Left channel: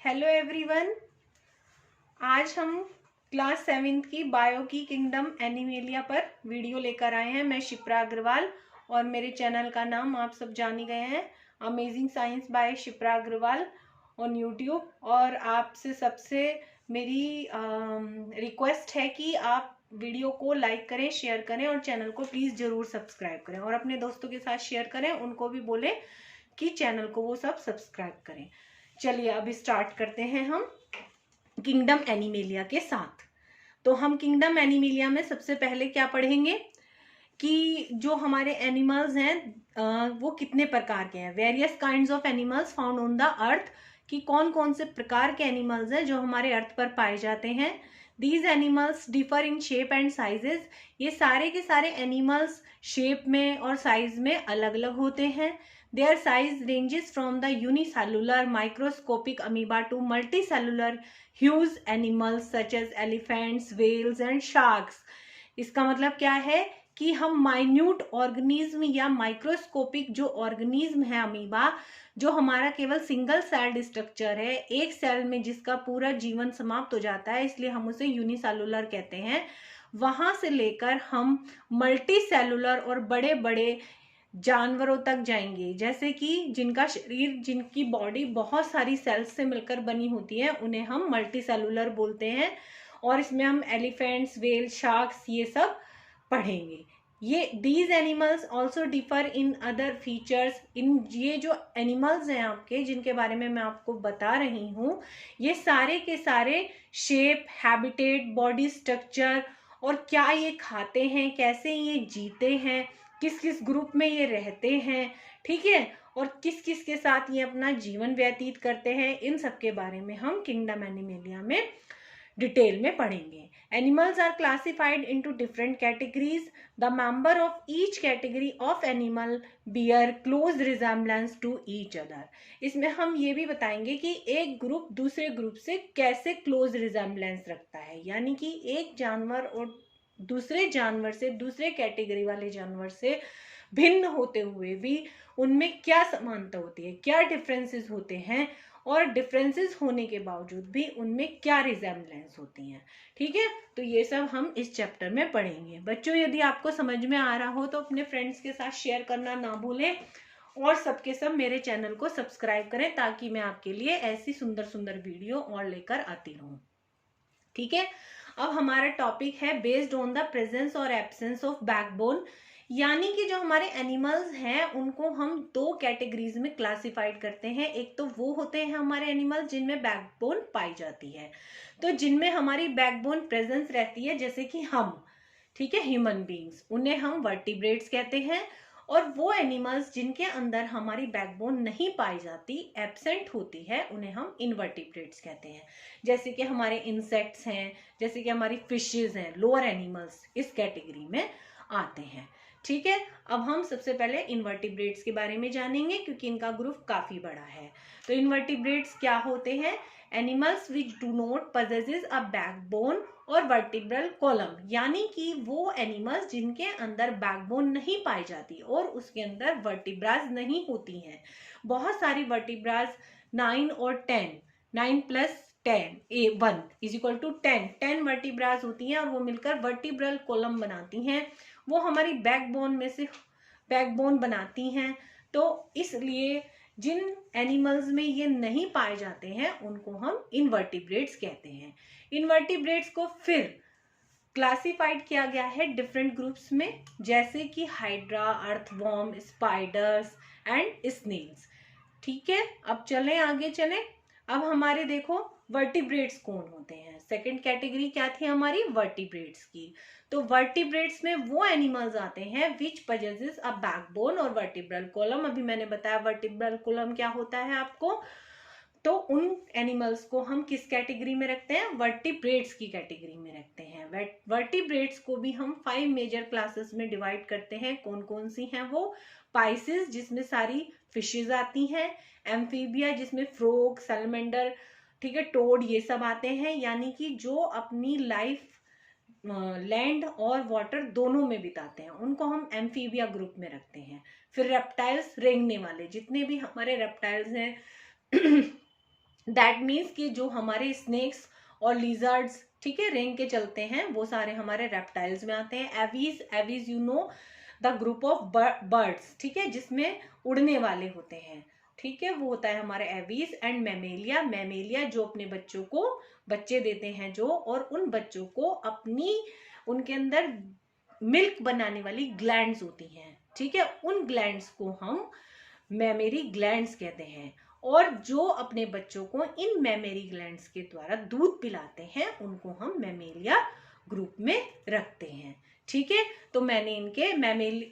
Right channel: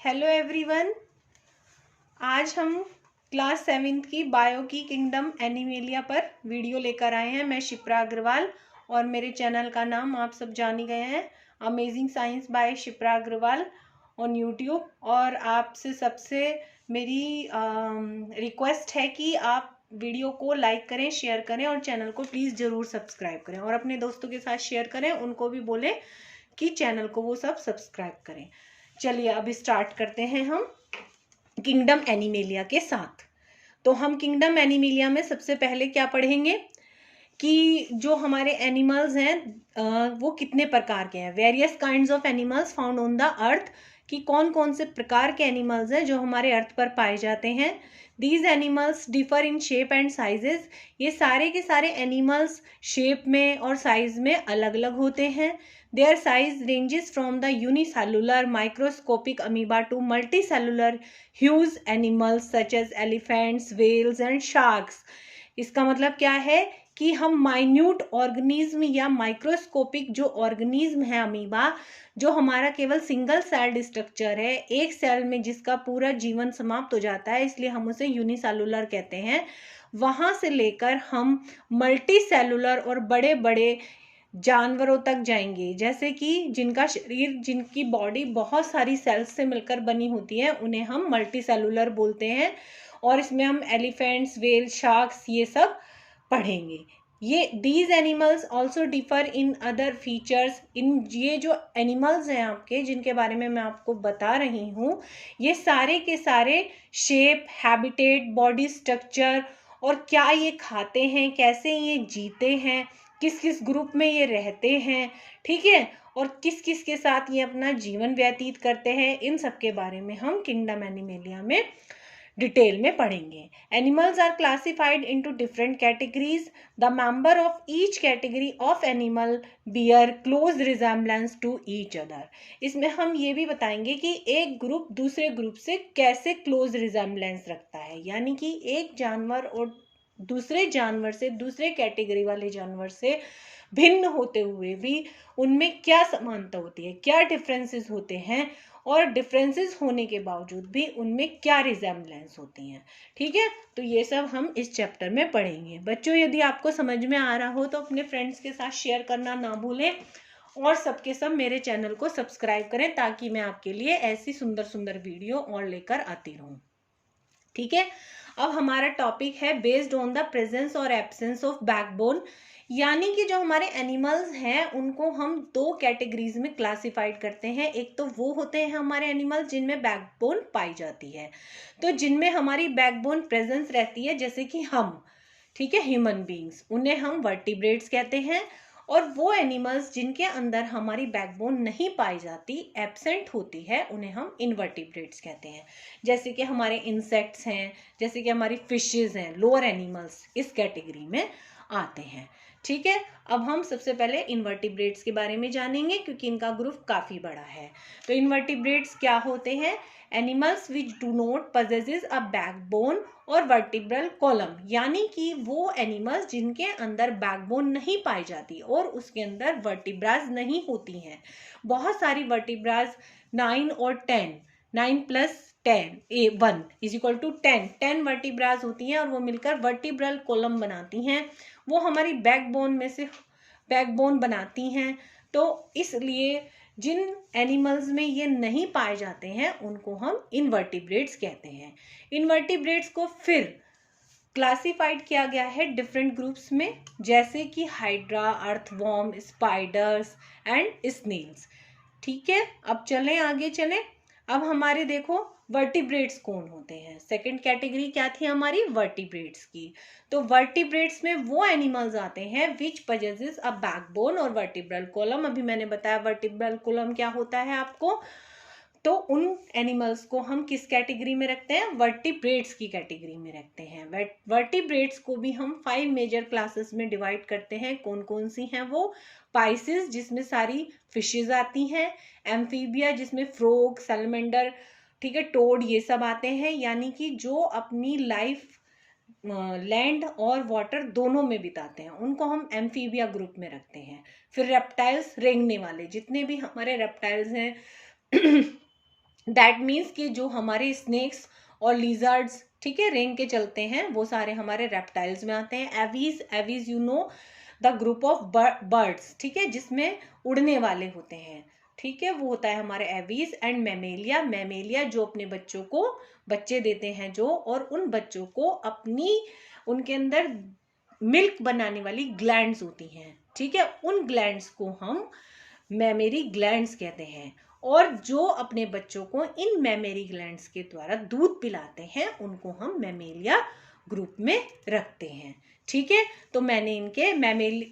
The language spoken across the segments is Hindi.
Hello everyone. आज हम क्लास 7th की बायो की किंगडम एनिमेलिया पर वीडियो लेकर आए हैं। मैं शिप्रा अग्रवाल और मेरे चैनल का नाम आप सब जान ही गए हैं, amazing science by Shipra Agarwal on YouTube. और आपसे सबसे मेरी रिक्वेस्ट है कि आप वीडियो को लाइक करें, शेयर करें और चैनल को प्लीज़ ज़रूर सब्सक्राइब करें और अपने दोस्तों के साथ शेयर करें, उनको भी बोलें कि चैनल को वो सब सब्सक्राइब करें। चलिए अब स्टार्ट करते हैं हम किंगडम एनिमेलिया के साथ। तो हम किंगडम एनिमेलिया में सबसे पहले क्या पढ़ेंगे कि जो हमारे एनिमल्स हैं वो कितने प्रकार के हैं। Various kinds of animals found on the earth, कि कौन कौन से प्रकार के एनिमल्स हैं जो हमारे अर्थ पर पाए जाते हैं। These animals differ in shape and sizes, ये सारे के सारे एनिमल्स शेप में और साइज में अलग अलग होते हैं। Their size ranges from the unicellular microscopic amoeba to multicellular huge animals such as elephants, whales and sharks. इसका मतलब क्या है कि हम माइन्यूट ऑर्गेनिज्म या माइक्रोस्कोपिक जो ऑर्गेनिज्म है अमीबा, जो हमारा केवल सिंगल सेल्ड स्ट्रक्चर है, एक सेल में जिसका पूरा जीवन समाप्त हो जाता है, इसलिए हम उसे यूनिसेलुलर कहते हैं, वहां से लेकर हम मल्टी सेलुलर और बड़े बड़े जानवरों तक जाएंगे, जैसे कि जिनका शरीर, जिनकी बॉडी बहुत सारी सेल्स से मिलकर बनी होती है, उन्हें हम मल्टी सेलुलर बोलते हैं। और इसमें हम एलिफेंट्स, वेल, शार्क्स ये सब पढ़ेंगे। ये these animals also differ in other features. इन ये जो एनिमल्स हैं आपके, जिनके बारे में मैं आपको बता रही हूँ, ये सारे के सारे शेप, हैबिटेट, बॉडी स्ट्रक्चर और क्या ये खाते हैं, कैसे ये जीते हैं, किस किस ग्रुप में ये रहते हैं, ठीक है, और किस किस के साथ ये अपना जीवन व्यतीत करते हैं, इन सब के बारे में हम किंगडम एनिमेलिया में डिटेल में पढ़ेंगे। Animals are classified into different categories. The member of each category of animal bear close resemblance to each other. इसमें हम ये भी बताएंगे कि एक ग्रुप दूसरे ग्रुप से कैसे क्लोज रिजेम्बलेंस रखता है, यानी कि एक जानवर और दूसरे जानवर से, दूसरे कैटेगरी वाले जानवर से भिन्न होते हुए भी उनमें क्या समानता होती है, क्या डिफरेंसेस होते हैं, और डिफरेंसेस होने के बावजूद भी उनमें क्या रिजेम्बलेंस होती हैं। ठीक है, तो ये सब हम इस चैप्टर में पढ़ेंगे। बच्चों, यदि आपको समझ में आ रहा हो तो अपने फ्रेंड्स के साथ शेयर करना ना भूलें और सबके सब मेरे चैनल को सब्सक्राइब करें, ताकि मैं आपके लिए ऐसी सुंदर सुंदर वीडियो और लेकर आती रहूं। ठीक है, अब हमारा टॉपिक है बेस्ड ऑन द प्रेजेंस और एब्सेंस ऑफ बैकबोन, यानी कि जो हमारे एनिमल्स हैं उनको हम दो कैटेगरीज में क्लासिफाइड करते हैं। एक तो वो होते हैं हमारे एनिमल्स जिनमें बैकबोन पाई जाती है, तो जिनमें हमारी बैकबोन प्रेजेंस रहती है, जैसे कि हम, ठीक है, ह्यूमन बींग्स, उन्हें हम वर्टिब्रेट्स कहते हैं। और वो एनिमल्स जिनके अंदर हमारी बैकबोन नहीं पाई जाती, एब्सेंट होती है, उन्हें हम इनवर्टिब्रेट्स कहते हैं। जैसे कि हमारे इंसेक्ट्स हैं, जैसे कि हमारी फिशेज हैं, लोअर एनिमल्स इस कैटेगरी में आते हैं। ठीक है, अब हम सबसे पहले इनवर्टिब्रेट्स के बारे में जानेंगे, क्योंकि इनका ग्रुप काफी बड़ा है। तो इनवर्टिब्रेट्स क्या होते हैं? Animals which do not possesses a backbone और वर्टिब्रल कॉलम, यानी कि वो एनिमल्स जिनके अंदर बैकबोन नहीं पाई जाती और उसके अंदर वर्टिब्राज नहीं होती हैं। बहुत सारी वर्टिब्राज 9 और 10, 9 plus 10 1 is equal to 10 vertebrae होती हैं और वो मिलकर वर्टिब्रल कॉलम बनाती हैं। वो हमारी बैकबोन में से बैकबोन बनाती हैं। तो इसलिए जिन एनिमल्स में ये नहीं पाए जाते हैं उनको हम इनवर्टिब्रेट्स कहते हैं। इनवर्टिब्रेट्स को फिर क्लासिफाइड किया गया है डिफरेंट ग्रुप्स में, जैसे कि hydra, earthworm, spiders and snails. ठीक है, अब चलें आगे चलें। अब हमारे देखो वर्टिब्रेट्स कौन होते हैं। सेकंड कैटेगरी क्या थी हमारी? वर्टिब्रेट्स की। तो वर्टिब्रेट्स में वो एनिमल्स आते हैं विच पजेसेस अ बैकबोन और वर्टिब्रल कॉलम। अभी मैंने बताया वर्टिब्रल कॉलम क्या होता है आपको। तो उन एनिमल्स को हम किस कैटेगरी में रखते हैं? वर्टिब्रेट्स की कैटेगरी में रखते हैं। वर्टिब्रेट्स को भी हम 5 मेजर क्लासेस में डिवाइड करते हैं। कौन कौन सी हैं वो? पाइसिस, जिसमें सारी फिशेज आती हैं। एम्फीबिया, जिसमें फ्रॉग, सैलमेंडर, ठीक है, टोड, ये सब आते हैं, यानी कि जो अपनी लाइफ लैंड और वाटर दोनों में बिताते हैं, उनको हम एम्फीबिया ग्रुप में रखते हैं। फिर रेप्टाइल्स, रेंगने वाले, जितने भी हमारे रेप्टाइल्स हैं दैट मीन्स कि जो हमारे स्नेक्स और लिजर्ड्स, ठीक है, रेंग के चलते हैं, वो सारे हमारे रेप्टाइल्स में आते हैं। Aves, aves you know the group of birds, ठीक है, जिसमें उड़ने वाले होते हैं, ठीक है, वो होता है हमारे एवीज। एंड मैमेलिया, मैमेलिया जो अपने बच्चों को बच्चे देते हैं जो, और उन बच्चों को अपनी, उनके अंदर मिल्क बनाने वाली ग्लैंड्स होती हैं, ठीक है, उन ग्लैंड्स को हम मैमेरी ग्लैंड्स कहते हैं। और जो अपने बच्चों को इन मैमेरी ग्लैंड्स के द्वारा दूध पिलाते हैं उनको हम मैमेलिया ग्रुप में रखते हैं, ठीक है। तो मैंने इनके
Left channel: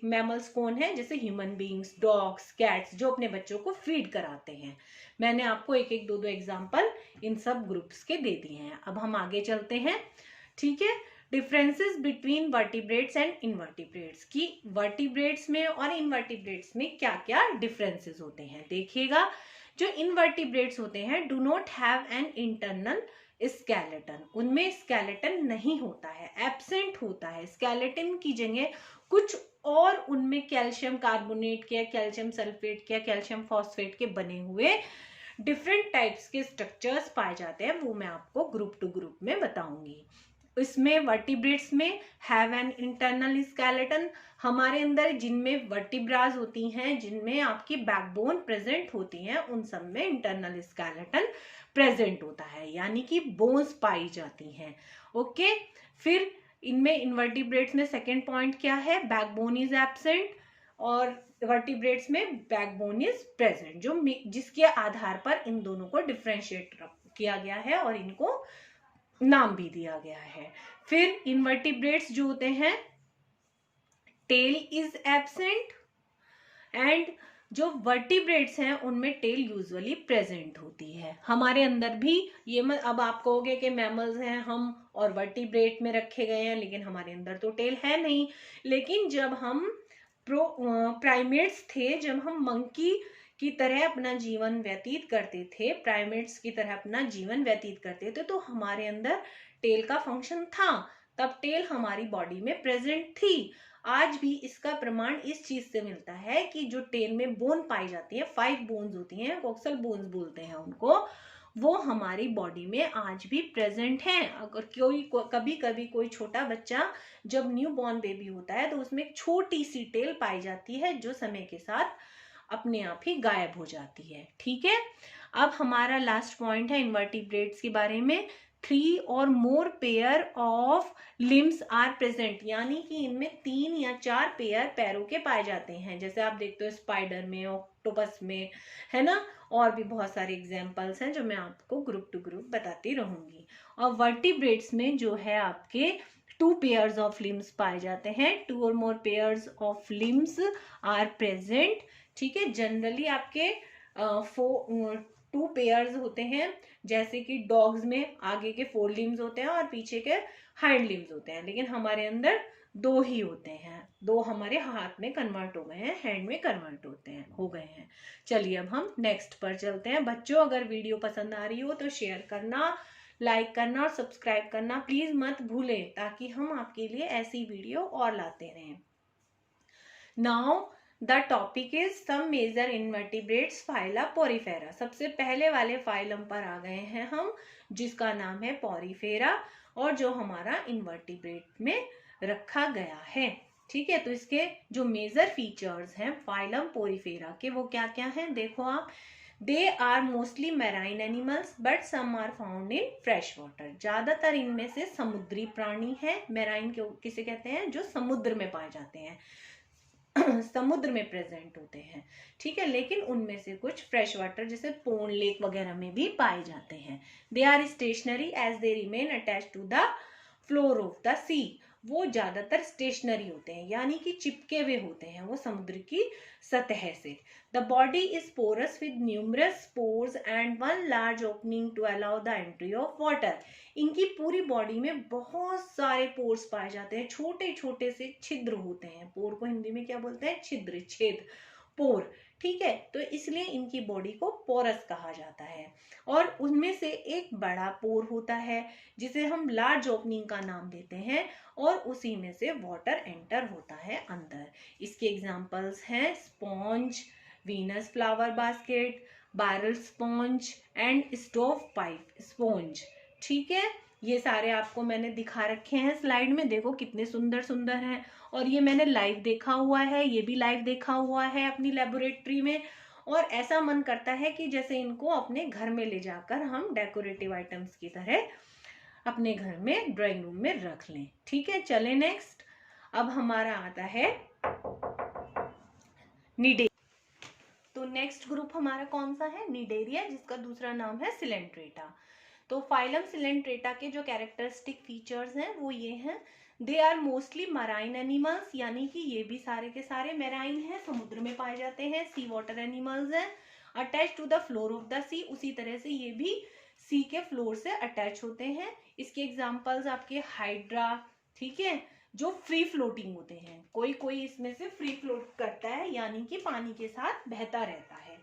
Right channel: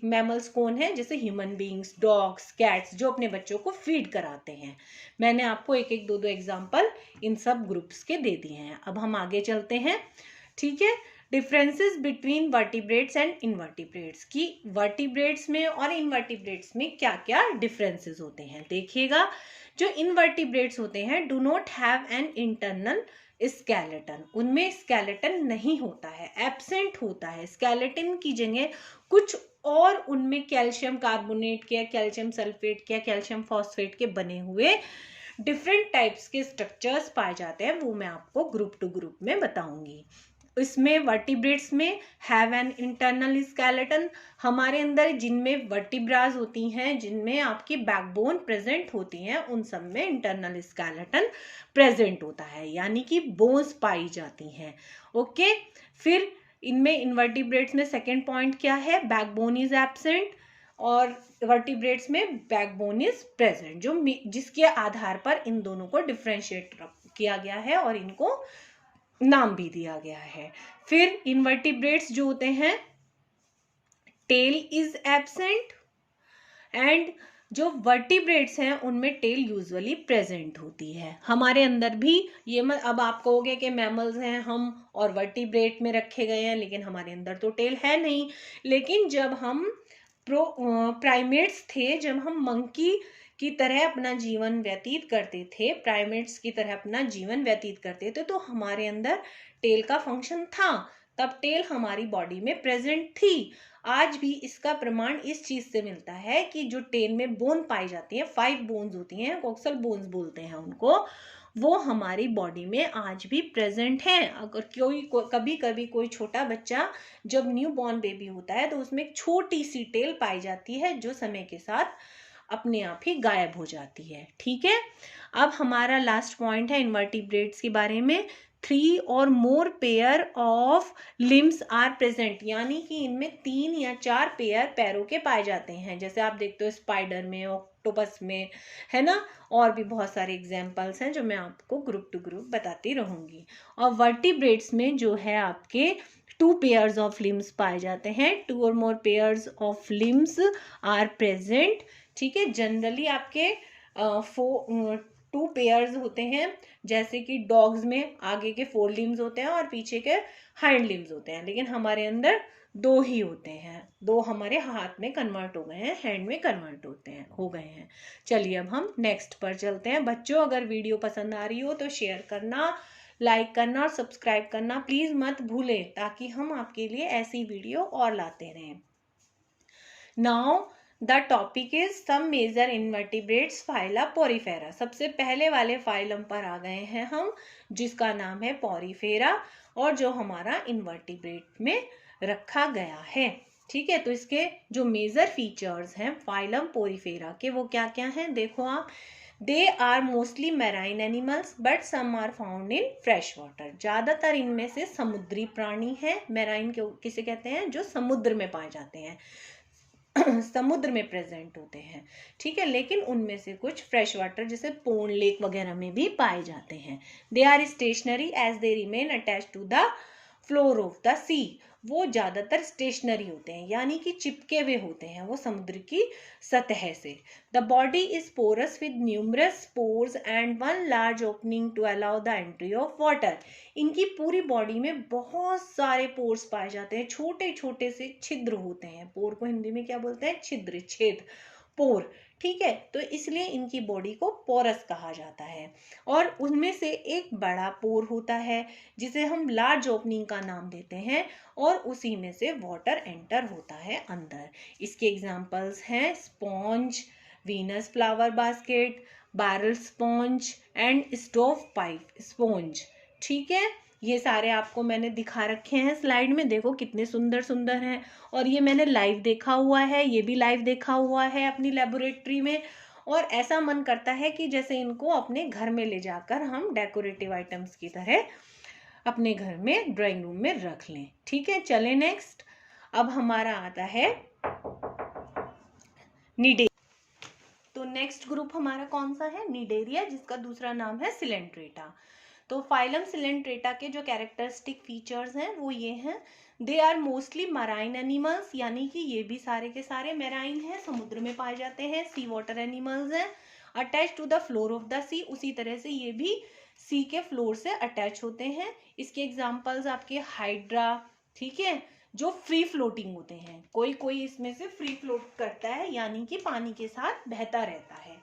मैमल्स कौन है, जैसे ह्यूमन बींग्स, डॉग्स, कैट्स, जो अपने बच्चों को फीड कराते हैं। मैंने आपको एक एक दो एग्जाम्पल इन सब ग्रुप्स के दे दिए हैं। अब हम आगे चलते हैं, ठीक है। Differences between vertebrates and invertebrates, की वर्टिब्रेट्स में और इनवर्टिब्रेट्स में क्या क्या डिफरेंसेस होते हैं, देखिएगा। जो इनवर्टिब्रेट्स होते हैं do not have an internal skeleton, उनमें स्केलेटन नहीं होता है, एब्सेंट होता है। स्केलेटन की जगह कुछ और उनमें कैल्शियम कार्बोनेट के, कैल्शियम सल्फेट के, कैल्शियम फॉस्फेट के बने हुए डिफरेंट टाइप्स के स्ट्रक्चर्स पाए जाते हैं, वो मैं आपको ग्रुप टू ग्रुप में बताऊंगी। इसमें वर्टिब्रेट्स में हैव एन इंटरनल स्केलेटन, हमारे अंदर जिनमें वर्टिब्रास होती हैं, जिनमें आपकी बैकबोन प्रेजेंट होती हैं, उन सब में इंटरनल स्केलेटन प्रेजेंट होता है, यानी कि बोन्स पाई जाती हैं। ओके, फिर इनमें इनवर्टिब्रेट्स में सेकेंड पॉइंट क्या है, बैकबोन इज एब्सेंट, और वर्टिब्रेट्स में बैकबोन इज प्रेजेंट, जो जिसके आधार पर इन दोनों को डिफ्रेंशिएट किया गया है और इनको नाम भी दिया गया है। फिर इनवर्टिब्रेट्स जो होते हैं, टेल इज एब्सेंट, एंड जो वर्टिब्रेट्स हैं उनमें टेल यूजुअली प्रेजेंट होती है। हमारे अंदर भी ये मत अब आप कहोगे कि मैमल्स हैं हम और वर्टिब्रेट में रखे गए हैं, लेकिन हमारे अंदर तो टेल है नहीं। लेकिन जब हम प्राइमेट्स थे, जब हम मंकी की तरह अपना जीवन व्यतीत करते थे, प्राइमेट्स की तरह अपना जीवन व्यतीत करते थे, तो हमारे अंदर टेल का फंक्शन था, तब टेल हमारी बॉडी में प्रेजेंट थी। आज भी इसका प्रमाण इस चीज से मिलता है कि जो टेल में बोन पाई जाती है, 5 बोन्स होती हैं, कोक्सल बोन्स बोलते हैं उनको, वो हमारी बॉडी में आज भी प्रेजेंट हैं। अगर कभी कभी कोई छोटा बच्चा जब न्यू बॉर्न बेबी होता है तो उसमें एक छोटी सी टेल पाई जाती है, जो समय के साथ अपने आप ही गायब हो जाती है, ठीक है। अब हमारा लास्ट पॉइंट है इनवर्टिब्रेट्स के बारे में, 3 और more pair of limbs are present, यानी कि इनमें 3 या 4 पेयर पैरों के पाए जाते हैं, जैसे आप देखते हो स्पाइडर में, ऑक्टोपस में, है ना। और भी बहुत सारे एग्जाम्पल्स हैं जो मैं आपको ग्रुप टू ग्रुप बताती रहूंगी। और वर्टिब्रेट्स में जो है आपके 2 पेयर्स ऑफ लिम्स पाए जाते हैं, 2 और more pairs of limbs are present, ठीक है। जनरली आपके 2 पेयर्स होते हैं, जैसे कि डॉग्स में आगे के 4 लिम्स होते हैं और पीछे के हाइंड लिम्स होते हैं, लेकिन हमारे अंदर 2 ही होते हैं, 2 हमारे हाथ में कन्वर्ट हो गए हैं, हैंड में कन्वर्ट हो गए हैं। चलिए अब हम नेक्स्ट पर चलते हैं। बच्चों, अगर वीडियो पसंद आ रही हो तो शेयर करना, लाइक करना और सब्सक्राइब करना प्लीज मत भूलें, ताकि हम आपके लिए ऐसी वीडियो और लाते रहें। Now the topic is some major invertebrates phyla porifera. सबसे पहले वाले फाइलम पर आ गए हैं हम, जिसका नाम है पोरीफेरा, और जो हमारा इनवर्टिब्रेट में रखा गया है, ठीक है। तो इसके जो मेजर फीचर्स हैं फाइलम पोरीफेरा के, वो क्या क्या हैं, देखो आप। They are mostly marine animals but some are found in fresh water. ज्यादातर इनमें से समुद्री प्राणी है। मैराइन किसे कहते हैं, जो समुद्र में पाए जाते हैं, समुद्र में प्रेजेंट होते हैं, ठीक है। लेकिन उनमें से कुछ फ्रेश वाटर जैसे पोंड, लेक वगैरह में भी पाए जाते हैं। They are stationary as they remain attach to the floor of the sea. वो ज्यादातर स्टेशनरी होते हैं, यानी कि चिपके हुए होते हैं वो समुद्र की सतह से। The body is porous with numerous pores and one large opening to allow the entry of water. इनकी पूरी बॉडी में बहुत सारे पोर्स पाए जाते हैं, छोटे छोटे से छिद्र होते हैं। पोर को हिंदी में क्या बोलते हैं, छिद्र, छेद, पोर, ठीक है। तो इसलिए इनकी बॉडी को पोरस कहा जाता है। और उनमें से एक बड़ा पोर होता है जिसे हम लार्ज ओपनिंग का नाम देते हैं, और उसी में से वाटर एंटर होता है अंदर। इसके एग्जाम्पल्स हैं sponge, Venus flower basket, barrel sponge and stove pipe sponge. ठीक है, ये सारे आपको मैंने दिखा रखे हैं स्लाइड में, देखो कितने सुंदर सुंदर हैं। और ये मैंने लाइव देखा हुआ है, ये भी लाइव देखा हुआ है अपनी लेबोरेटरी में। और ऐसा मन करता है कि जैसे इनको अपने घर में ले जाकर हम डेकोरेटिव आइटम्स की तरह अपने घर में ड्राइंग रूम में रख लें। ठीक है, चले नेक्स्ट। अब हमारा आता है निडेरिया। तो नेक्स्ट ग्रुप हमारा कौन सा है? निडेरिया, जिसका दूसरा नाम है सिलेंट्रेटा। तो फाइलम सिलेंट्रेटा के जो कैरेक्टरिस्टिक फीचर्स हैं वो ये हैं, they are mostly marine animals, यानी कि ये भी सारे के सारे मैराइन हैं, समुद्र में पाए जाते हैं, सी वाटर एनिमल्स हैं, attach to the floor of the sea, उसी तरह से ये भी सी के फ्लोर से अटैच होते हैं। इसके एग्जाम्पल्स आपके हाइड्रा, ठीक है, जो फ्री फ्लोटिंग होते हैं, कोई कोई इसमें से फ्री फ्लोट करता है, यानी कि पानी के साथ बहता रहता है,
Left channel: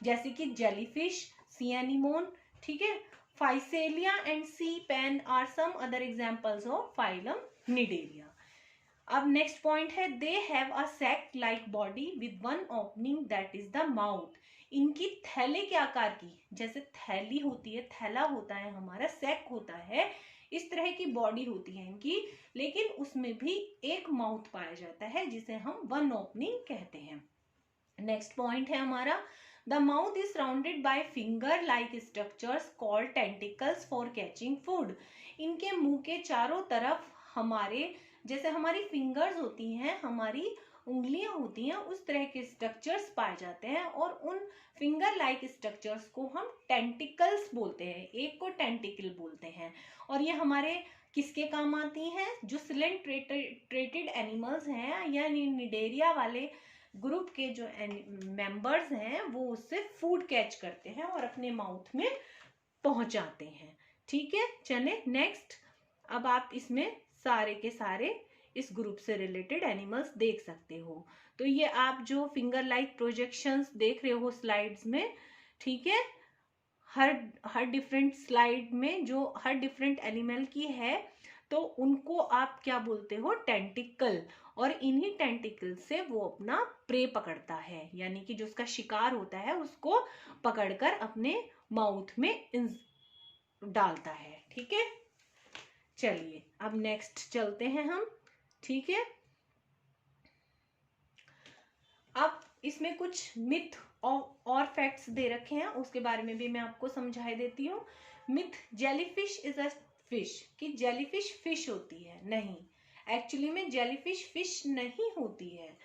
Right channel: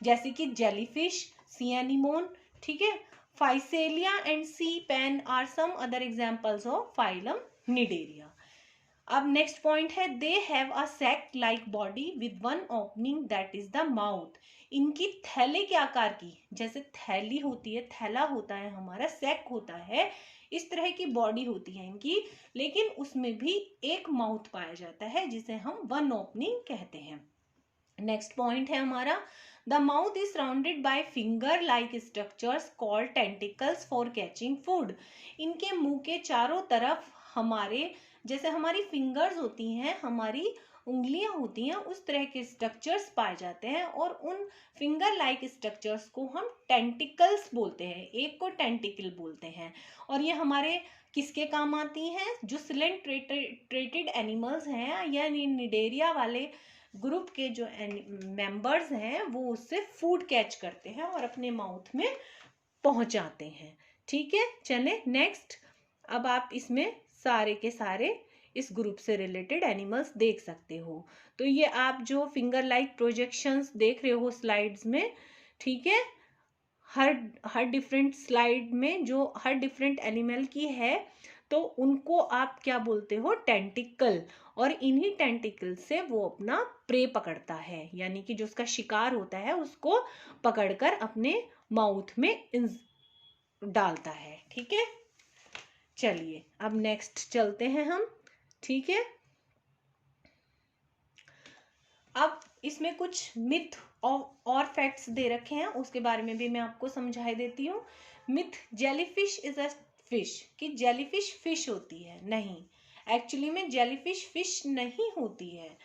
जैसे कि जेलीफिश, सी एनिमोन, ठीक है। Physalia and sea pen are some other examples of phylum cnidaria. अब नेक्स्ट पॉइंट है, they have a sac like body with one opening that is the mouth. इनकी थैले के आकार की, जैसे थैली होती है, थैला होता है हमारा, सैक होता है, इस तरह की बॉडी होती है इनकी, लेकिन उसमें भी एक माउथ पाया जाता है जिसे हम वन ओपनिंग कहते हैं। नेक्स्ट पॉइंट है हमारा, the mouth is surrounded by finger like structures called tentacles for catching food. इनके मुंह के चारों तरफ हमारे, जैसे हमारी फिंगर्स होती हैं, हमारी उंगलियां होती हैं, उस तरह के स्ट्रक्चर्स पाए जाते हैं, और उन फिंगर लाइक स्ट्रक्चर्स को हम टेंटिकल्स बोलते हैं, एक को टेंटिकल बोलते हैं। और ये हमारे किसके काम आती हैं? जो सिलेंट्रेटेड एनिमल्स हैं, या निडेरिया वाले ग्रुप के जो मेंबर्स हैं, वो उससे फूड कैच करते हैं और अपने माउथ में पहुंचाते हैं। ठीक है, चले नेक्स्ट। अब आप इसमें सारे के सारे इस ग्रुप से रिलेटेड एनिमल्स देख सकते हो। तो ये आप जो फिंगर लाइक प्रोजेक्शंस देख रहे हो स्लाइड्स में, ठीक है, हर डिफरेंट स्लाइड में जो हर डिफरेंट एनिमल की है, तो उनको आप क्या बोलते हो? टेंटिकल। और इन्हीं टेंटिकल से वो अपना प्रे पकड़ता है, यानी कि जो उसका शिकार होता है उसको पकड़कर अपने माउथ में डालता है। ठीक है, चलिए अब नेक्स्ट चलते हैं हम। ठीक है, अब इसमें कुछ मिथ और फैक्ट्स दे रखे हैं, उसके बारे में भी मैं आपको समझा देती हूँ। Myth, jellyfish is a fish, कि जेलीफिश फिश होती है। नहीं, एक्चुअली में जेलीफिश फिश नहीं होती है।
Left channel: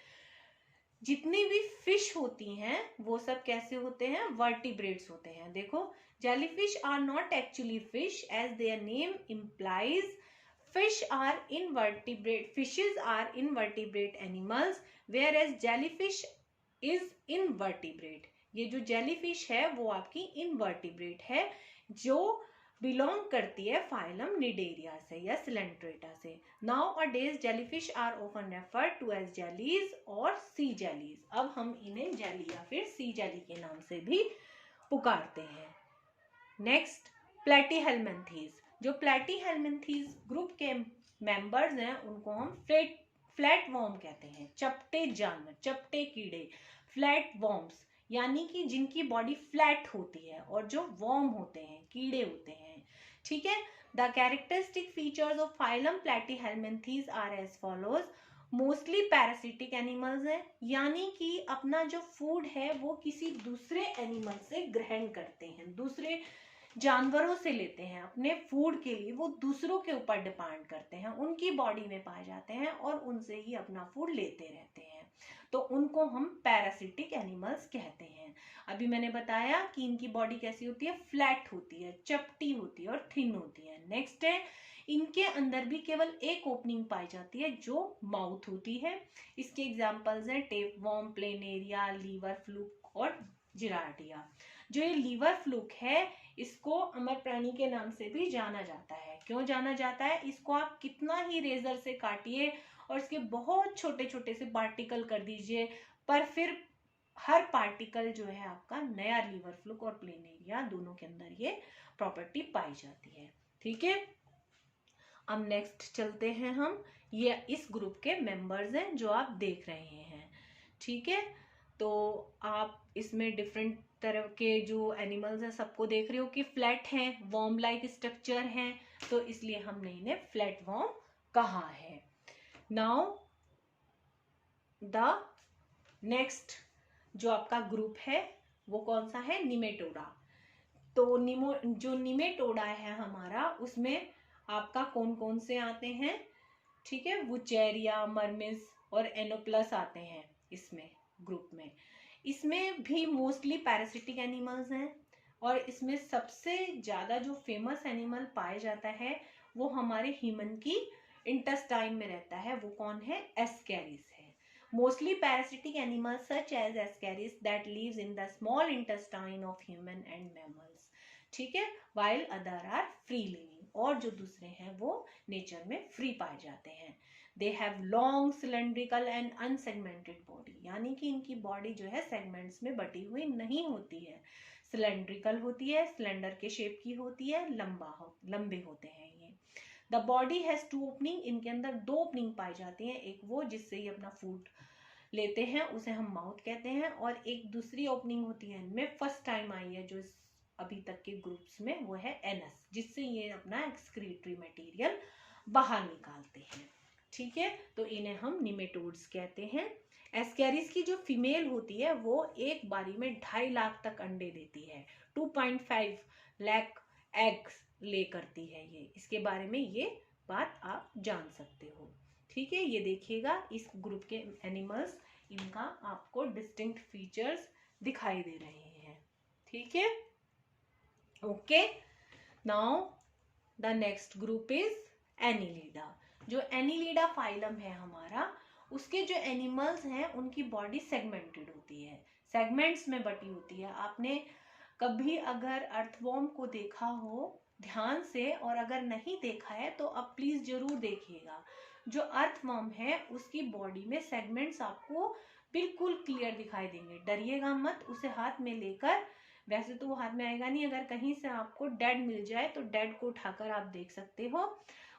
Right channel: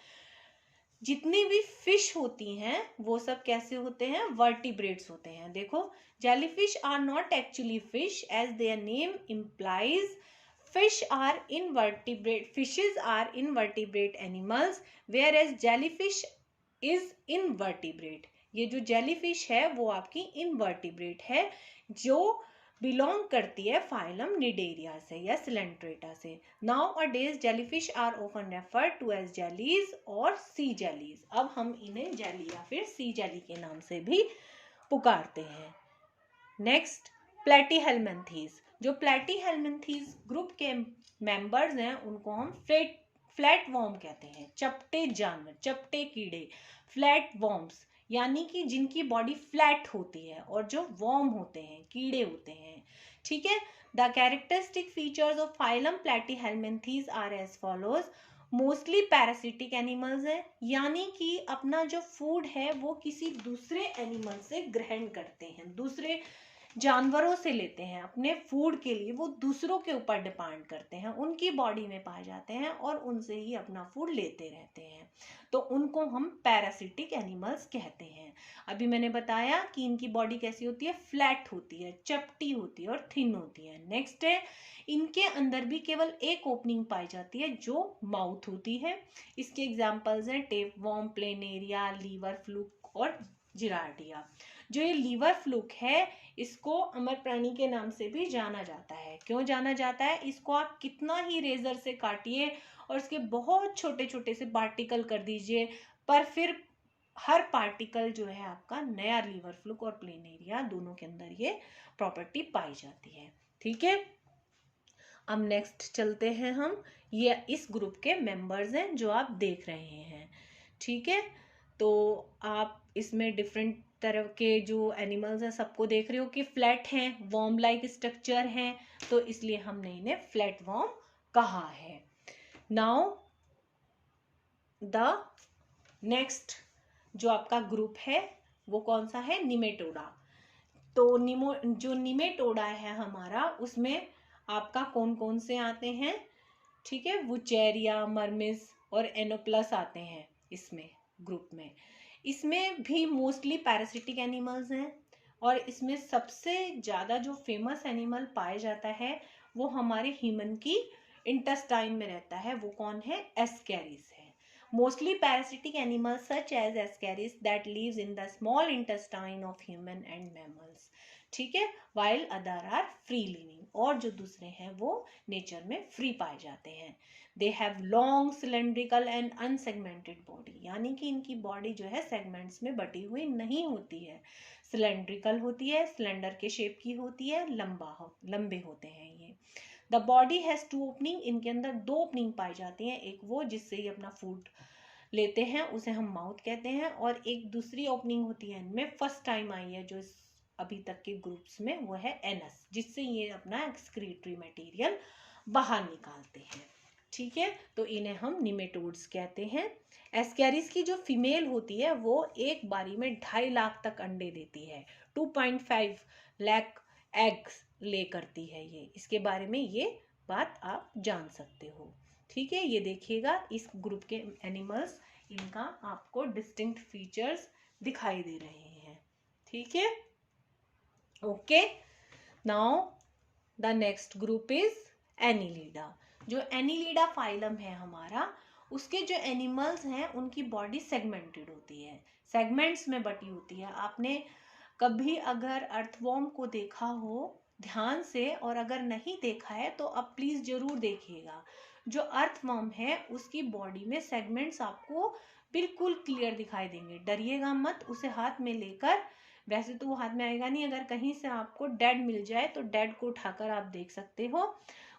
जितनी भी फिश होती हैं वो सब कैसे होते हैं? वर्टिब्रेट्स होते हैं। देखो, jellyfish are not actually fish as their name implies. Fish are invertebrate, fishes are invertebrate animals, whereas jellyfish is invertebrate. ये जो जेलीफिश है वो आपकी इनवर्टिब्रेट है, जो बिलोंग करती है फाइलम निडेरिया से या सिलेंट्रेटा से। Nowadays jellyfish are often referred to as jellies और सी जेलीज। अब हम इन्हें जेली या फिर सी जेली के नाम से भी पुकारते हैं। Next, Platyhelminthes. जो प्लेटीहेल्मिन्थीज ग्रुप के मेंबर्स हैं उनको हम फ्लैट वॉर्म कहते हैं, चपटे जानवर, चपटे कीड़े, फ्लैट वॉर्म्स, यानी कि जिनकी बॉडी फ्लैट होती है, और जो वॉर्म होते हैं, कीड़े होते हैं। ठीक है, the characteristic features of phylum platyhelminthes are as follows. Mostly parasitic animals हैं, यानी कि अपना जो फूड है वो किसी दूसरे एनिमल से ग्रहण करते हैं, दूसरे जानवरों से लेते हैं अपने फूड के लिए, वो दूसरों के ऊपर डिपेंड करते हैं, उनकी बॉडी में पाए जाते हैं और उनसे ही अपना फूड लेते रहते हैं, तो उनको हम पैरासिटिक एनिमल्स कहते हैं। अभी मैंने बताया कि इनकी बॉडी कैसी होती है? फ्लैट होती है, चपटी होती है और थिन होती है। नेक्स्ट है, इनके अंदर भी केवल एक ओपनिंग पाई जाती है जो माउथ होती है। इसके एग्जाम्पल्स हैं टेपवर्म, प्लेनेरिया, लीवर फ्लूक और जिरार्डिया। जो ये लीवर फ्लूक है, इसको अमर प्राणी के नाम से भी जाना जाता है। क्यों जाना जाता है? इसको आप कितना ही रेजर से काटिए और इसके बहुत छोटे छोटे से पार्टिकल कर दीजिए, पर फिर हर पार्टिकल जो है आपका नया लीवर फ्लूक और प्लेनेरिया दोनों के अंदर ये प्रॉपर्टी पाई जाती है। ठीक है, अब नेक्स्ट चलते हैं हम। ये इस ग्रुप के मेंबर्स हैं जो आप देख रहे हैं। ठीक है, तो आप इसमें डिफरेंट तरह के जो एनिमल्स हैं सबको देख रहे हो कि फ्लैट हैं, वॉर्म लाइक स्ट्रक्चर हैं, तो इसलिए हमने इन्हें फ्लैट वॉर्म कहा है। नाउ द नेक्स्ट जो आपका ग्रुप है वो कौन सा है? निमेटोडा। तो जो निमेटोडा है हमारा, उसमें आपका कौन कौन से आते हैं? ठीक है, वुचेरिया, मर्मिस और एनोप्लस आते हैं इसमें ग्रुप में। इसमें भी मोस्टली पैरासिटिक एनिमल्स हैं, और इसमें सबसे ज़्यादा जो फेमस एनिमल पाया जाता है वो हमारे ह्यूमन की इंटेस्टाइन में रहता है। वो कौन है? एस्कैरिस है। Mostly parasitic animals such as ascaris that lives in the small intestine of human and mammals. ठीक है, while other are free living, और जो दूसरे हैं वो नेचर में फ्री पाए जाते हैं। They have long cylindrical and unsegmented body, यानी कि इनकी बॉडी जो है सेगमेंट्स में बटी हुई नहीं होती है, सिलेंड्रिकल होती है, सिलेंडर के शेप की होती है, लंबे होते हैं ये। द बॉडी हैज 2 ओपनिंग, इनके अंदर 2 ओपनिंग पाई जाती हैं। एक वो जिससे ये अपना फूड लेते हैं, उसे हम माउथ कहते हैं, और एक दूसरी ओपनिंग होती है इनमें, फर्स्ट टाइम आई है जो अभी तक के ग्रुप्स में, वो है एनस, जिससे ये अपना एक्सक्रीटरी मटेरियल बाहर निकालते हैं। ठीक है, तो इन्हें हम निमेटोड्स कहते हैं। एस्कैरिस की जो फीमेल होती है वो एक बारी में 2.5 लाख तक अंडे देती है, 2.5 लाख एग्स ले करती है ये। इसके बारे में ये बात आप जान सकते हो। ठीक है, ये देखिएगा इस ग्रुप के एनिमल्स, इनका आपको डिस्टिंक्ट फीचर्स दिखाई दे रहे हैं। ठीक है, okay. Now the next group is Annelida. जो एनिलिडा फाइलम है हमारा, उसके जो एनिमल्स हैं उनकी बॉडी सेगमेंटेड होती है, सेगमेंट्स में बटी होती है। आपने कभी अगर अर्थवॉर्म को देखा हो ध्यान से, और अगर नहीं देखा है तो अब प्लीज जरूर देखिएगा। जो अर्थवॉर्म है उसकी बॉडी में सेगमेंट्स आपको बिल्कुल क्लियर दिखाई देंगे, डरिएगा मत। उसे हाथ में लेकर, वैसे तो वो हाथ में आएगा नहीं, अगर कहीं से आपको डेड मिल जाए तो डेड को उठाकर आप देख सकते हो।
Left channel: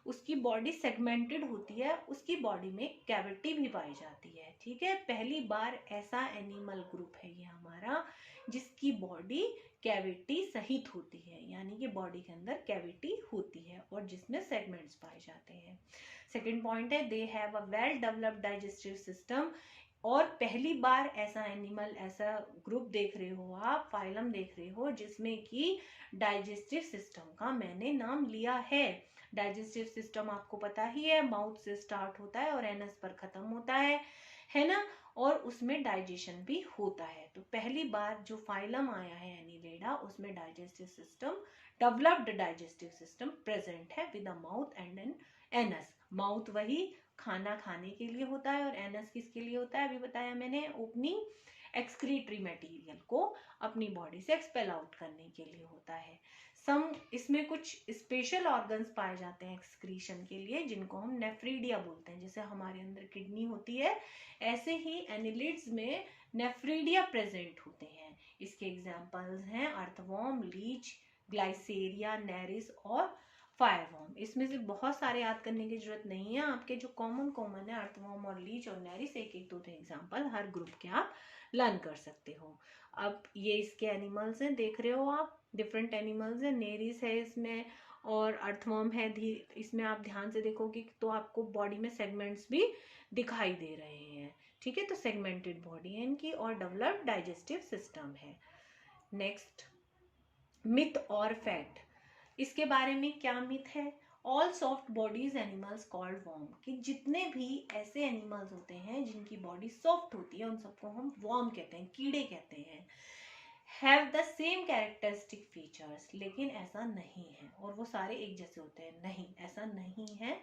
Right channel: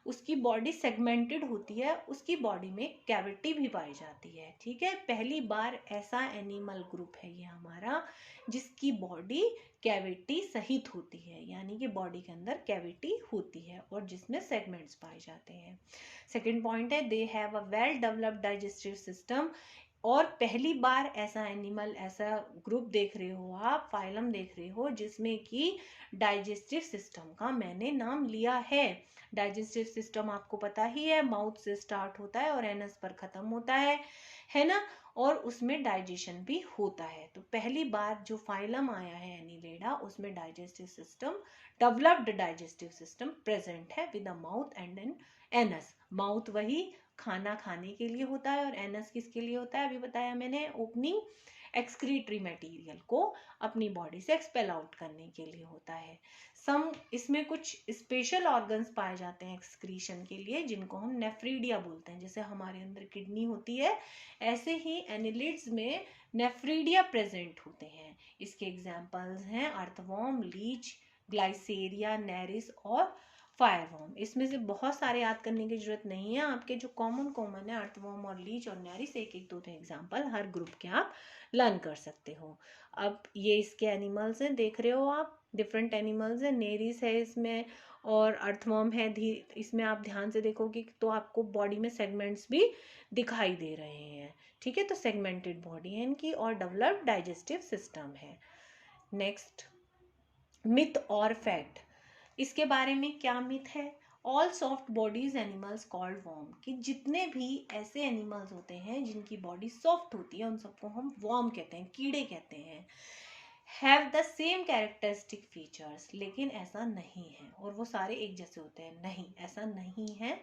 उसकी बॉडी सेगमेंटेड होती है, उसकी बॉडी में कैविटी भी पाई जाती है। ठीक है, पहली बार ऐसा एनिमल ग्रुप है ये हमारा जिसकी बॉडी कैविटी सहित होती है, यानी कि बॉडी के अंदर कैविटी होती है और जिसमें सेगमेंट्स पाए जाते हैं। सेकंड पॉइंट है, they have a well developed digestive system. और पहली बार ऐसा एनिमल, ऐसा ग्रुप देख रहे हो आप, फाइलम देख रहे हो जिसमें कि डाइजेस्टिव सिस्टम का मैंने नाम लिया है। डाइजेस्टिव सिस्टम आपको पता ही है, माउथ से स्टार्ट होता है और एनस पर खत्म होता है ना, और उसमें डाइजेशन भी होता है। तो पहली बार जो फाइलम आया है एनिलिडा, उसमें digestive system, developed digestive system present है with a mouth and an anus. Mouth वही खाना खाने के लिए होता है, और एनस किसके लिए होता है? अभी बताया मैंने, ओपनिंग एक्सक्रीटरी मटेरियल को अपनी बॉडी से एक्सपेल आउट करने के लिए होता है। इसमें कुछ स्पेशल ऑर्गन्स पाए जाते हैं एक्सक्रीशन के लिए, जिनको हम नेफ्रीडिया बोलते हैं। जैसे हमारे अंदर किडनी होती है, ऐसे ही एनिलिड्स में नेफ्रीडिया प्रेजेंट होते हैं। इसके एग्जाम्पल्स हैं अर्थवॉर्म, लीच, ग्लाइसेरिया, नेरिस और फायरवॉर्म। इसमें से बहुत सारे याद करने की जरूरत नहीं है, आपके जो कॉमन है अर्थवॉर्म और लीच और नेरिस, एक एक दो एग्जाम्पल हर ग्रुप के आप लर्न कर सकते हो। अब ये इसके एनिमल्स हैं, देख रहे हो आप, डिफरेंट एनिमल्स हैं। नेरिस है इसमें और अर्थवॉर्म है, इसमें आप ध्यान से देखोगे तो आपको बॉडी में सेगमेंट्स भी दिखाई दे रहे हैं। ठीक है, तो सेगमेंटेड बॉडी है इनकी और डेवलप्ड डाइजेस्टिव सिस्टम है। नेक्स्ट, मिथ और फैक्ट। इसके बारे में क्या मिथ है? All soft bodies animals called worm, कि जितने भी ऐसे एनिमल्स होते हैं जिनकी बॉडी सॉफ्ट होती है उन सबको हम वॉर्म कहते हैं, कीड़े कहते हैं। Have the same characteristic features, लेकिन ऐसा नहीं है, और वो सारे एक जैसे होते हैं, नहीं, ऐसा नहीं है।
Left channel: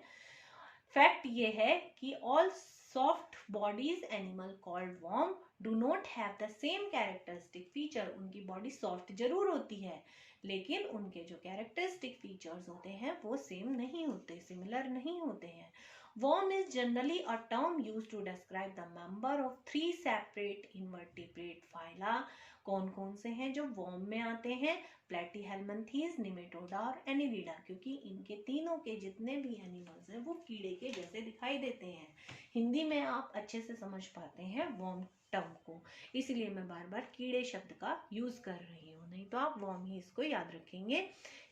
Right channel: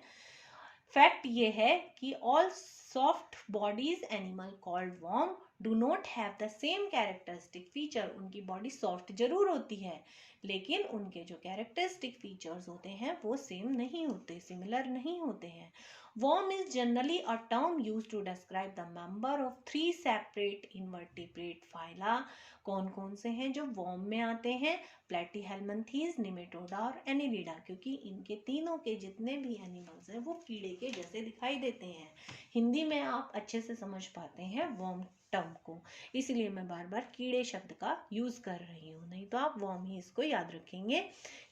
फैक्ट ये है कि all soft bodies animal called worm do not have the same characteristic feature. उनकी बॉडी सॉफ्ट जरूर होती है, लेकिन उनके जो कैरेक्टरिस्टिक फीचर्स होते हैं वो सेम नहीं होते, सिमिलर नहीं होते हैं। Worm is generally a term used to describe the member of 3 separate invertebrate phyla. कौन कौन से हैं जो वर्म में आते हैं? प्लेटीहेल्मिन्थीज, निमेटोडा और एनिलिडा, क्योंकि इनके तीनों के जितने भी एनिमल्स हैं वो कीड़े के जैसे दिखाई देते हैं। हिंदी में आप अच्छे से समझ पाते हैं वर्म टर्म को, इसलिए मैं बार बार कीड़े शब्द का यूज कर रही हूँ, नहीं तो आप वर्म ही इसको याद रखेंगे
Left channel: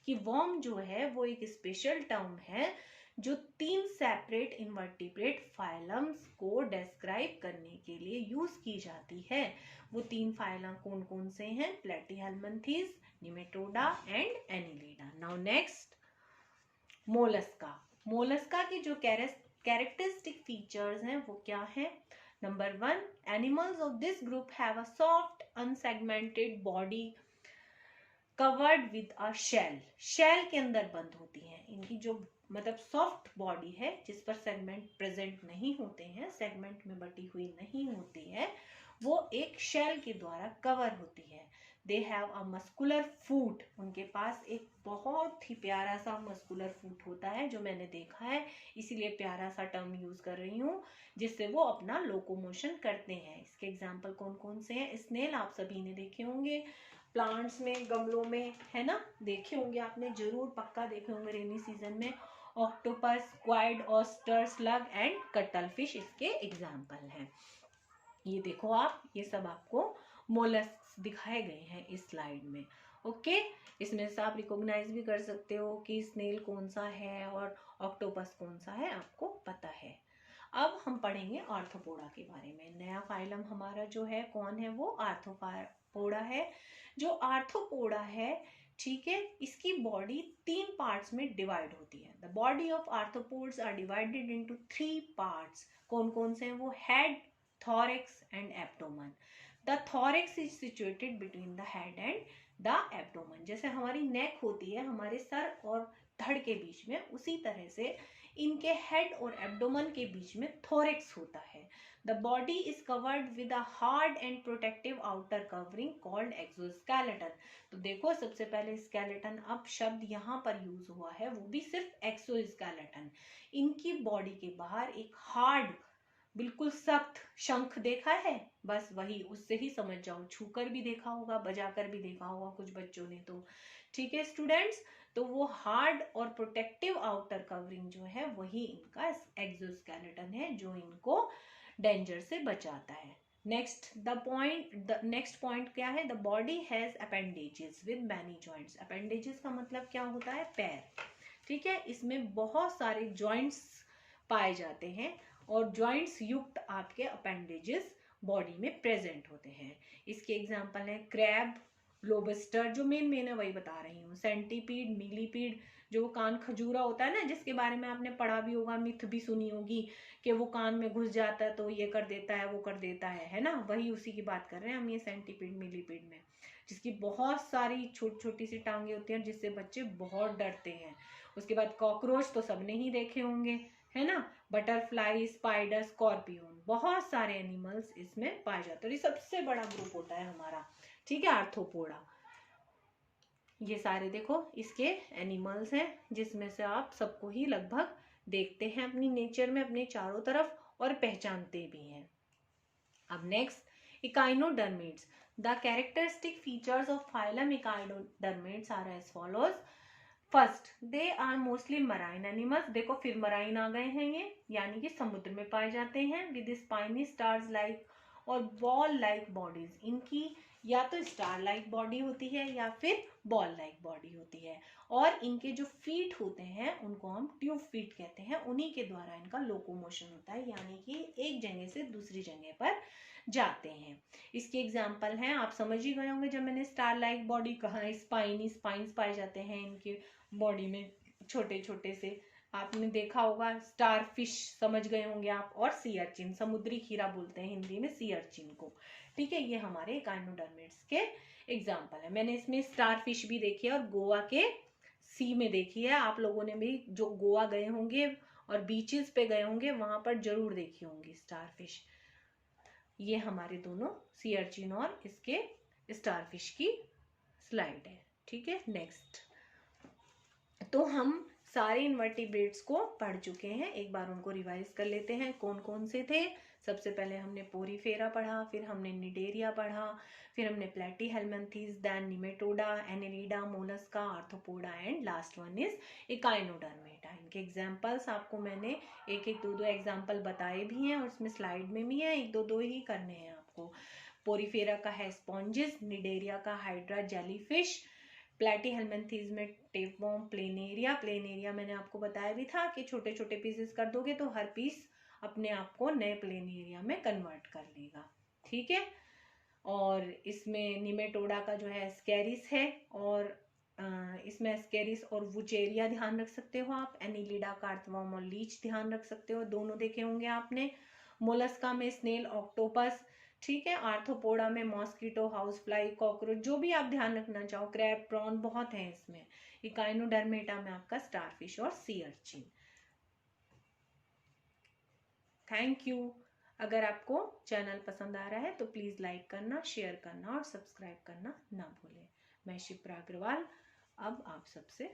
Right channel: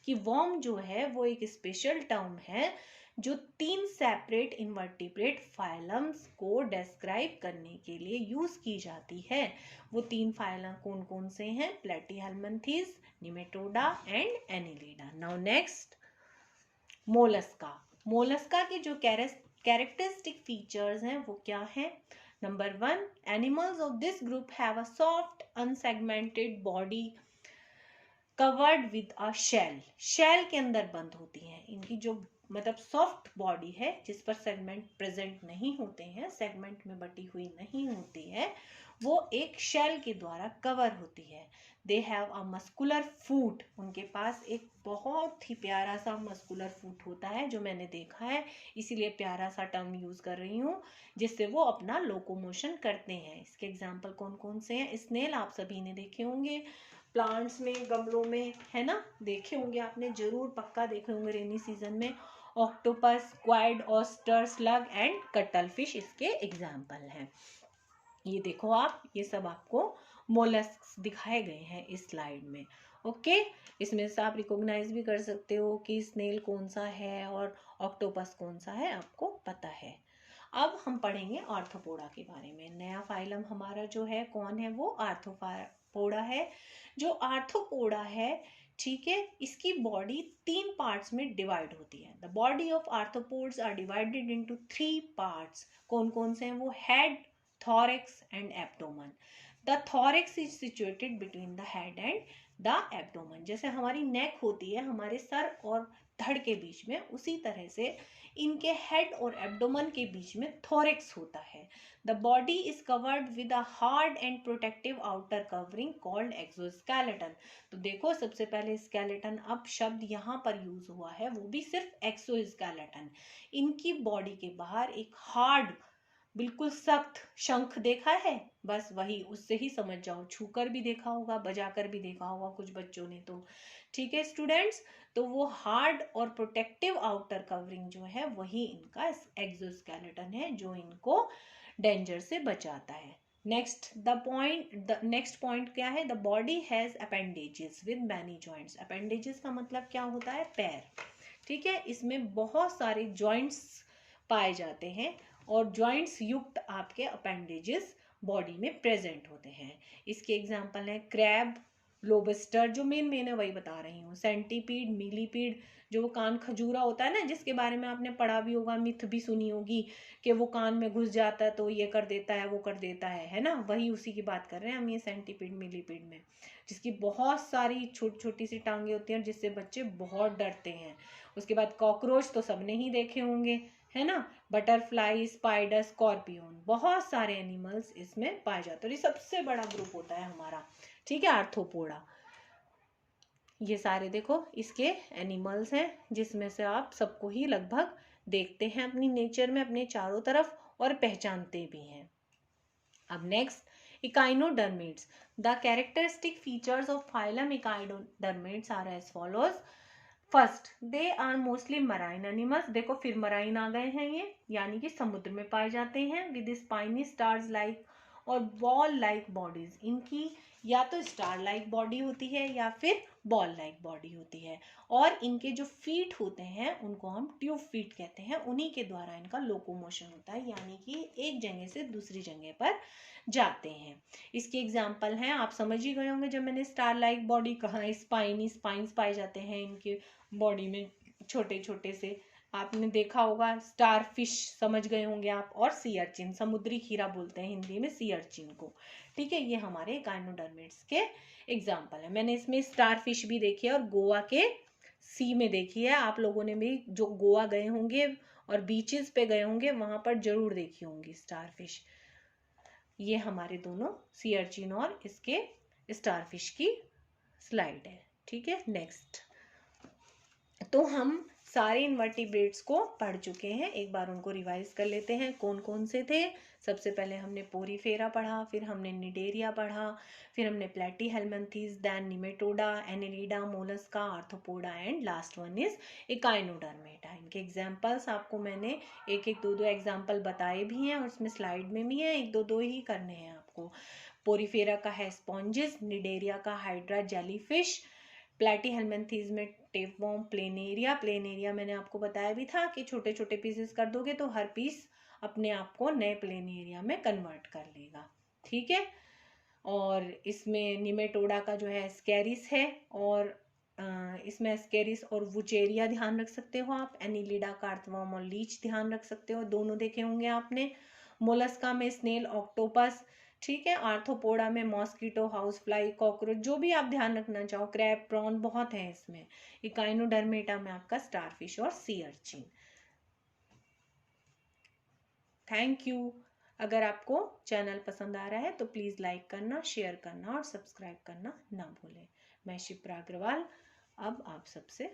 कि वर्म जो है वो एक स्पेशल टर्म है जो 3 सेपरेट इनवर्टिब्रेट फाइलम्स को डिस्क्राइब करने के लिए यूज की जाती है। वो 3 फाइलम कौन कौन से हैं? Platyhelminthes, nematoda and annelida. Now next, mollusca. Mollusca के जो कैरेक्टरिस्टिक फीचर्स हैं वो क्या है? Number 1, animals of this group have a soft unsegmented body covered with a shell. Shell के अंदर बंद होती हैं। इनकी जो मतलब सॉफ्ट बॉडी है जिस पर सेगमेंट प्रेजेंट नहीं होते हैं, सेगमेंट में बटी हुई नहीं होती है, वो एक शेल के द्वारा कवर होती है। दे हैव अ मस्कुलर फूट। उनके पास एक बहुत ही प्यारा सा मस्कुलर फूट होता है जो मैंने देखा है, इसीलिए प्यारा सा टर्म यूज कर रही हूँ, जिससे वो अपना लोकोमोशन करते हैं। इसके एग्जाम्पल कौन कौन से हैं? स्नेल आप सभी ने देखे होंगे, प्लांट्स में, गमलों में, है ना, देखे होंगे आपने, जरूर पक्का देखे होंगे रेनी सीजन में। Octopus, squid, oyster, slug and cuttlefish इसके एग्जाम्पल हैं। ये देखो आप, ये सब आपको मोलस्क दिखाए गए हैं इस स्लाइड में। ओके, इसमें से आप रिकॉग्नाइज भी कर सकते हो कि स्नेल कौन सा है और ऑक्टोपस कौन सा है, आपको पता है। अब हम पढ़ेंगे आर्थ्रोपोडा के बारे में। नया फाइलम हमारा जो है कौन है? वो आर्थ्रोपोडा है। जो आर्थ्रोपोडा है, ठीक है, इसकी बॉडी 3 पार्ट्स में डिवाइड होती है। The body of arthropods are divided into 3 parts. कौन कौन से हैं वो? Head, thorax and abdomen. The thorax is situated between the head and the abdomen. जैसे हमारी नेक होती है हमारे सर और धड़ के बीच में, उसी तरह से इनके हेड और एब्डोमन के बीच में थोरेक्स होता है। The body is covered with a hard and protective outer covering called exoskeleton. तो देखो, सबसे पहले स्केलेटन, अब शब्द यहाँ पर यूज हुआ है वो भी सिर्फ एक्सोस्केलेटन। इनकी बॉडी के बाहर एक हार्ड, बिल्कुल सख्त शंख देखा है, बस वही, उससे ही समझ जाओ। छूकर भी देखा होगा, बजाकर भी देखा होगा कुछ बच्चों ने तो, ठीक है स्टूडेंट्स। तो वो हार्ड और प्रोटेक्टिव आउटर कवरिंग जो है वही इनका एक्सोस्केलेटन है जो इनको डेंजर से बचाता है। नेक्स्ट पॉइंट क्या है? The body has appendages with many joints. Appendages का मतलब क्या होता है? पैर, ठीक है। इसमें बहुत सारे जॉइंट्स पाए जाते हैं और जॉइंट्स युक्त आपके अपेंडेजेस बॉडी में प्रेजेंट होते हैं। इसके एग्जांपल हैं क्रैब, लोबस्टर, जो मेन है वही बता रही हूँ, सेंटीपीड, मिलीपीड, जो कान खजूरा होता है ना, जिसके बारे में आपने पढ़ा भी होगा, मिथ भी सुनी होगी कि वो कान में घुस जाता है तो ये कर देता है, वो कर देता है ना, वही उसी की बात कर रहे हैं हम, ये सेंटीपीड, मिलीपीड में, जिसकी बहुत सारी छोटी छोटी सी टांगे होती हैं जिससे बच्चे बहुत डरते हैं। उसके बाद कॉकरोच तो सबने ही देखे होंगे, है ना, बटरफ्लाई, स्पाइडर, स्कॉर्पियन, बहुत सारे एनिमल्स इसमें पाए जाते हैं। और ये सबसे बड़ा ग्रुप होता है हमारा, ठीक है, आर्थ्रोपोडा। ये सारे देखो इसके एनिमल्स हैं जिसमें से आप सबको ही लगभग देखते हैं अपनी नेचर में, अपने चारों तरफ, और पहचानते भी हैं। अब next, echinoderms. The characteristic features of phylum echinoderms are as follows. First, they are mostly marine animals. देखो फिर मराइन आ गए हैं ये, यानी कि समुद्र में पाए जाते हैं। विद स्पाइनी स्टार्स लाइक और बॉल लाइक बॉडीज। इनकी या तो स्टार लाइक बॉडी होती है या फिर बॉल लाइक बॉडी होती है। और इनके जो फीट होते हैं उनको हम ट्यूब फीट कहते हैं, उन्हीं के द्वारा इनका लोकोमोशन होता है, यानी कि एक जगह से दूसरी जगह पर जाते हैं। इसके एग्जाम्पल हैं, आप समझ ही गए होंगे जब मैंने स्टार लाइक बॉडी कहा, स्पाइन्स पाए जाते हैं इनके बॉडी में, छोटे छोटे से, आपने देखा होगा। स्टार फिश समझ गए होंगे आप, और सी अर्चिन, समुद्री खीरा बोलते हैं हिंदी में सी अर्चिन को, ठीक है। ये हमारे इकाइनोडर्मेट्स के एग्जाम्पल है। मैंने इसमें स्टार फिश भी देखी है और गोवा के सी में देखी है। आप लोगों ने भी जो गोवा गए होंगे और बीचेस पे गए होंगे वहां पर जरूर देखी होंगी स्टार फिश। ये हमारे दोनों सी अर्चिन और इसके स्टार फिश की स्लाइड है, ठीक है। नेक्स्ट, तो हम सारे इनवर्टिब्रेट्स को पढ़ चुके हैं, एक बार उनको रिवाइज कर लेते हैं। कौन कौन से थे? सबसे पहले हमने पोरीफेरा पढ़ा, फिर हमने निडेरिया पढ़ा, फिर हमने platyhelminthes, then nematoda, annelida, mollusca, arthropoda and last one is echinodermata. इनके एग्जाम्पल्स आपको मैंने एक एक दो एग्जाम्पल बताए भी हैं और उसमें स्लाइड में भी हैं, एक दो ही करने हैं आपको। आपको। पोरीफेरा का है स्पॉन्जिस, निडेरिया का हाइड्रा जेलीफिश, प्लेटीहेलमिन्थीज में टेपवर्म, प्लेनेरिया मैंने आपको बताया भी था कि छोटे छोटे पीसेस कर दोगे तो हर पीस अपने आप को नए प्लेनेरिया में कन्वर्ट कर लेगा। ठीक है, और इसमें निमेटोडा का जो है एस्केरिस है, और इसमें एस्केरिस और वुचेरिया ध्यान रख सकते हो आप। एनिलिडा का अर्थवर्म और लीच ध्यान रख सकते हो, दोनों देखे होंगे आपने। मोलस्का में स्नेल, ऑक्टोपस, ठीक है। आर्थ्रोपोडा में मॉस्किटो, हाउस फ्लाई, कॉकरोच, जो भी आप ध्यान रखना चाहो, क्रैब, प्रॉन, बहुत है इसमें। इकाइनोडर्मेटा में आपका स्टारफिश और सी अर्चिन। Thank you. अगर आपको चैनल पसंद आ रहा है तो प्लीज़ लाइक करना, शेयर करना और सब्सक्राइब करना ना भूलें। मैं शिप्रा अग्रवाल, अब आप सबसे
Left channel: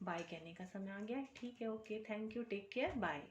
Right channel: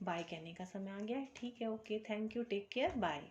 बाय कहने का समय आ गया। ठीक है, okay, thank you, take care, bye.